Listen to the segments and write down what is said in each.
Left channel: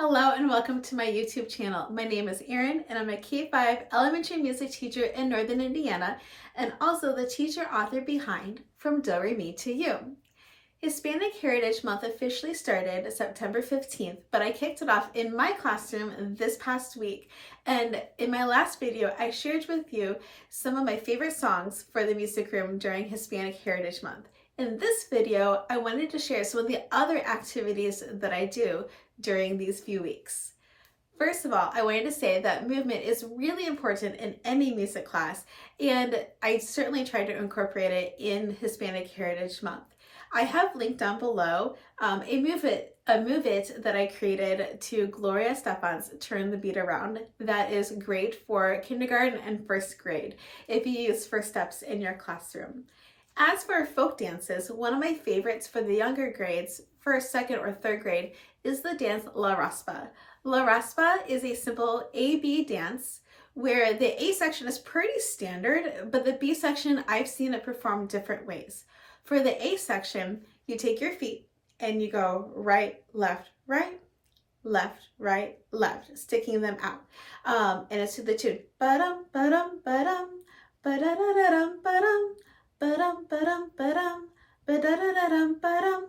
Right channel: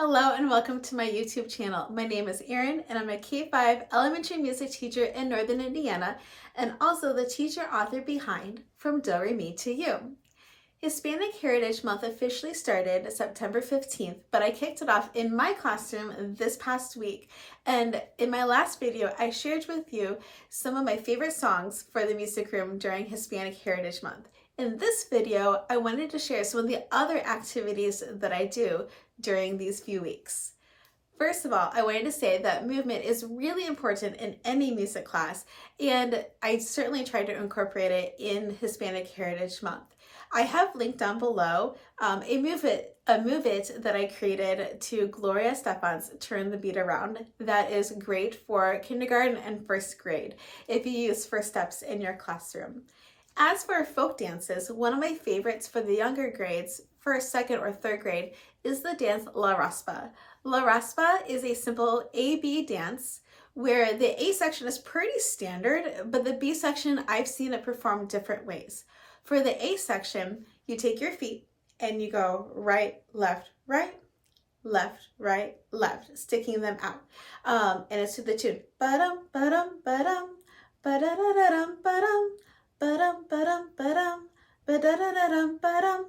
Hello and welcome to my YouTube channel. My name is Erin and I'm a K-5 elementary music teacher in Northern Indiana and also the teacher author behind From Do Re Mi to You. Hispanic Heritage Month officially started September 15th, but I kicked it off in my classroom this past week. And in my last video, I shared with you some of my favorite songs for the music room during Hispanic Heritage Month. In this video, I wanted to share some of the other activities that I do during these few weeks. First of all, I wanted to say that movement is really important in any music class, and I certainly try to incorporate it in Hispanic Heritage Month. I have linked down below a Move It that I created to Gloria Estefan's Turn the Beat Around. That is great for kindergarten and first grade if you use first steps in your classroom. As for folk dances, one of my favorites for the younger grades, first, second, or third grade, is the dance La Raspa. La Raspa is a simple A-B dance where the A section is pretty standard, but the B section I've seen it performed different ways. For the A section, you take your feet and you go right, left, left, sticking them out. And it's to the tune. Ba-dum, ba-dum, ba-dum, ba-da-da-da-dum, ba-dum, ba-dum, ba-dum, ba-dum, ba-da-da-da-dum, ba-dum.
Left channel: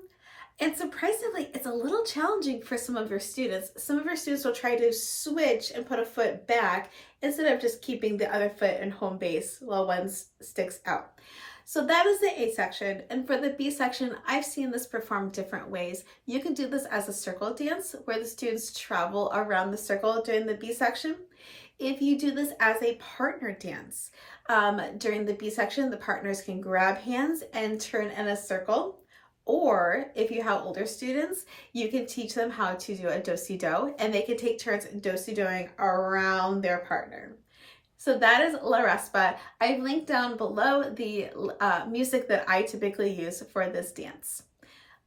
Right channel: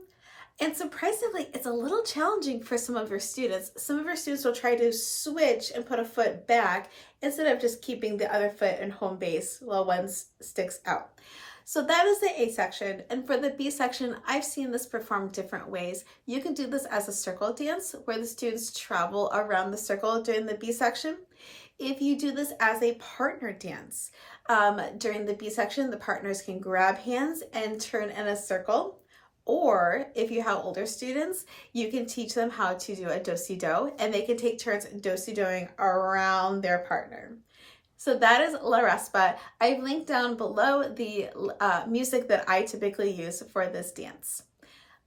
And surprisingly, it's a little challenging for some of your students. Some of your students will try to switch and put a foot back instead of just keeping the other foot in home base while one sticks out. So that is the A section. And for the B section, I've seen this performed different ways. You can do this as a circle dance where the students travel around the circle during the B section. If you do this as a partner dance, during the B section, the partners can grab hands and turn in a circle. Or if you have older students, you can teach them how to do a do-si-do, and they can take turns do-si-doing around their partner. So that is La Raspa. I've linked down below the music that I typically use for this dance.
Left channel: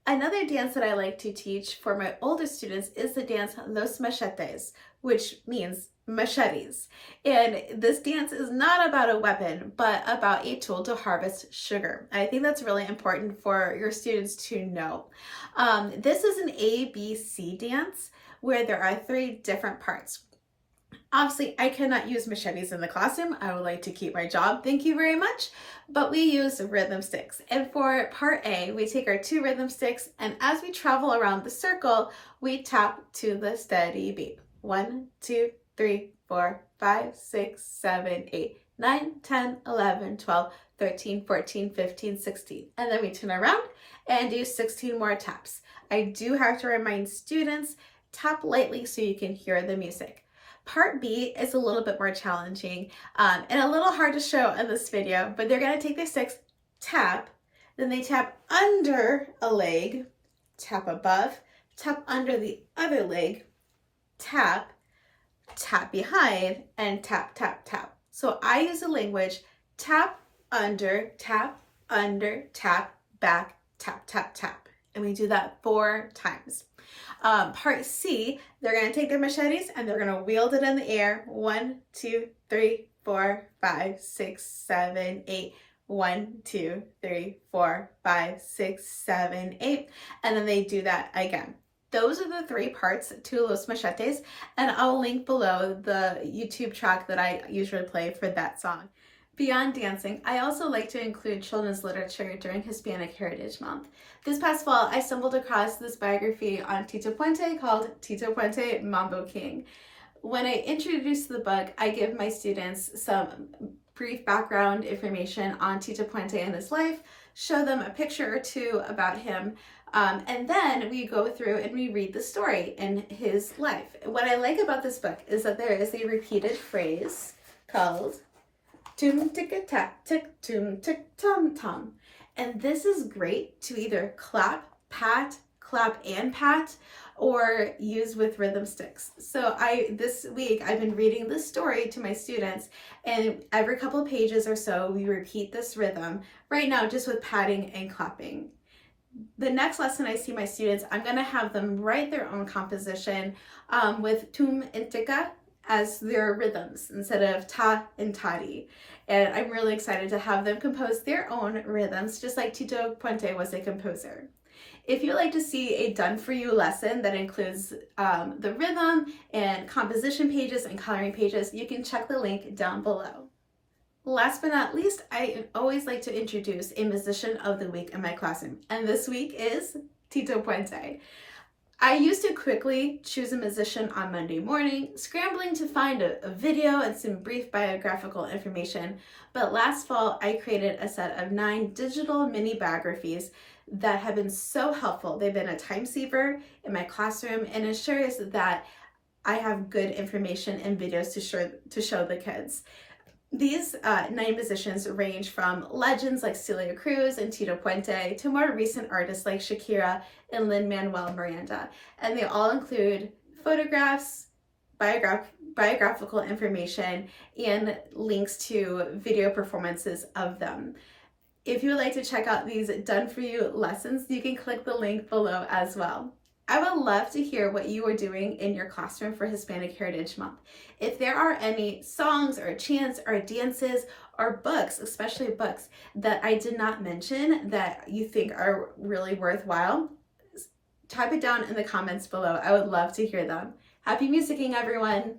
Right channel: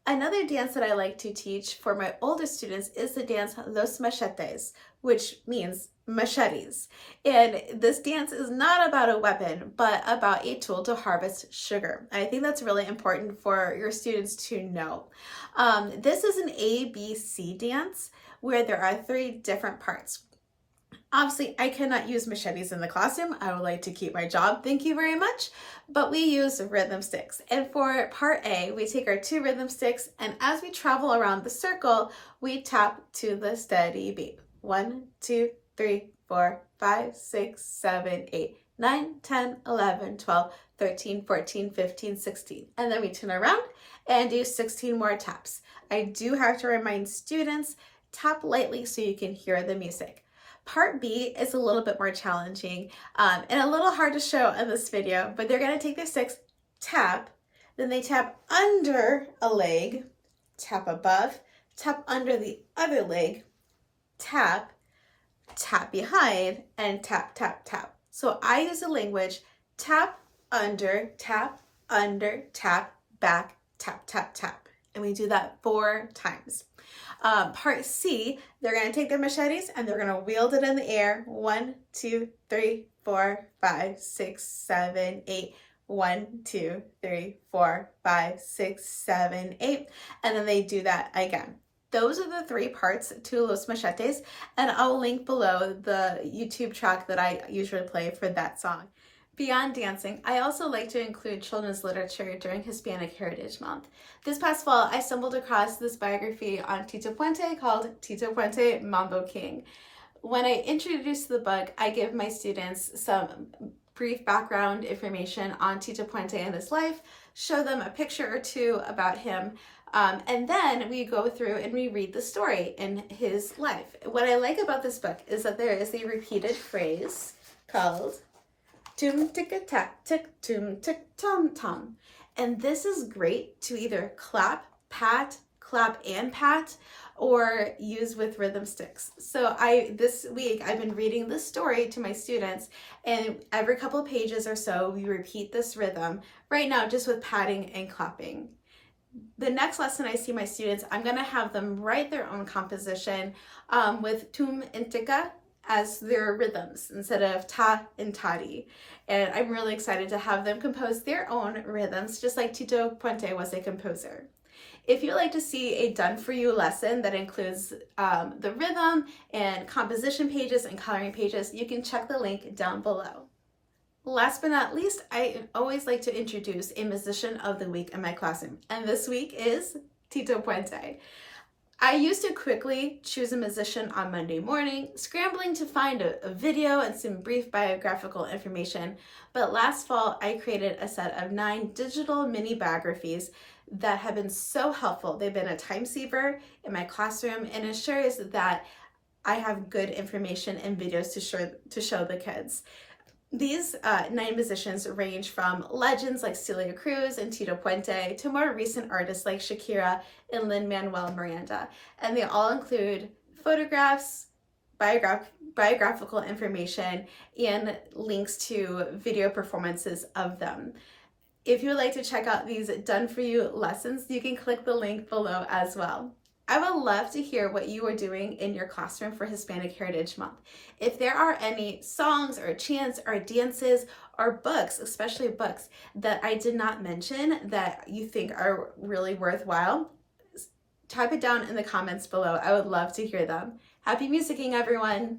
Another dance that I like to teach for my older students is the dance Los Machetes, which means machetes. And this dance is not about a weapon, but about a tool to harvest sugar. I think that's really important for your students to know. This is an ABC dance where there are 3 different parts. Obviously, I cannot use machetes in the classroom. I would like to keep my job. Thank you very much. But we use rhythm sticks. And for part A, we take our 2 rhythm sticks, and as we travel around the circle, we tap to the steady beat. 1, 2, 3, 4, 5, 6, 7, 8, 9, 10, 11, 12, 13, 14, 15, 16. And then we turn around and do 16 more taps. I do have to remind students, tap lightly so you can hear the music. Part B is a little bit more challenging and a little hard to show in this video, but they're going to take their sticks, tap, then they tap under a leg, tap above, tap under the other leg, tap, tap behind, and tap, tap, tap. So I use the language tap, under, tap, back, tap, tap, tap. And we do that 4 times. Part C, they're going to take their machetes and they're going to wield it in the air. 1, 2, 3, 4, 5, 6, 7, 8. 1, 2, 3, 4, 5, 6, 7, 8. And then they do that again. Those are the 3 parts to Los Machetes, and I'll link below the YouTube track that I usually play for that song. Beyond dancing, I also like to include children's literature during Hispanic Heritage Month. This past fall, I stumbled across this biography on Tito Puente called Tito Puente, Mambo King. When I introduce the book, I give my students some brief background information on Tito Puente and his life, show them a picture or 2 about him, and then we go through and we read the story in his life. What I like about this book is that there is a repeated phrase called Tum tick tack tick tum tick tom tom. And this is great to either clap and pat, or use with rhythm sticks. So this week I've been reading this story to my students, and every couple of pages or so we repeat this rhythm, right now just with patting and clapping. The next lesson I see my students, I'm going to have them write their own composition with tum and tika as their rhythms instead of ta and tadi. And I'm really excited to have them compose their own rhythms, just like Tito Puente was a composer. If you'd like to see a done-for-you lesson that includes the rhythm and composition pages and coloring pages, you can check the link down below. Last but not least, I always like to introduce a musician of the week in my classroom, and this week is Tito Puente. I used to quickly choose a musician on Monday morning, scrambling to find a video and some brief biographical information, but last fall I created a set of 9 digital mini biographies that have been so helpful. They've been a time saver in my classroom and ensures that I have good information and videos to show the kids. These 9 musicians range from legends like Celia Cruz and Tito Puente to more recent artists like Shakira and Lin-Manuel Miranda. And they all include photographs, biographical information, and links to video performances of them. If you would like to check out these done-for-you lessons, you can click the link below as well. I would love to hear what you are doing in your classroom for Hispanic Heritage Month. If there are any songs or chants or dances or books, especially books, that I did not mention that you think are really worthwhile, type it down in the comments below. I would love to hear them. Happy musicking, everyone!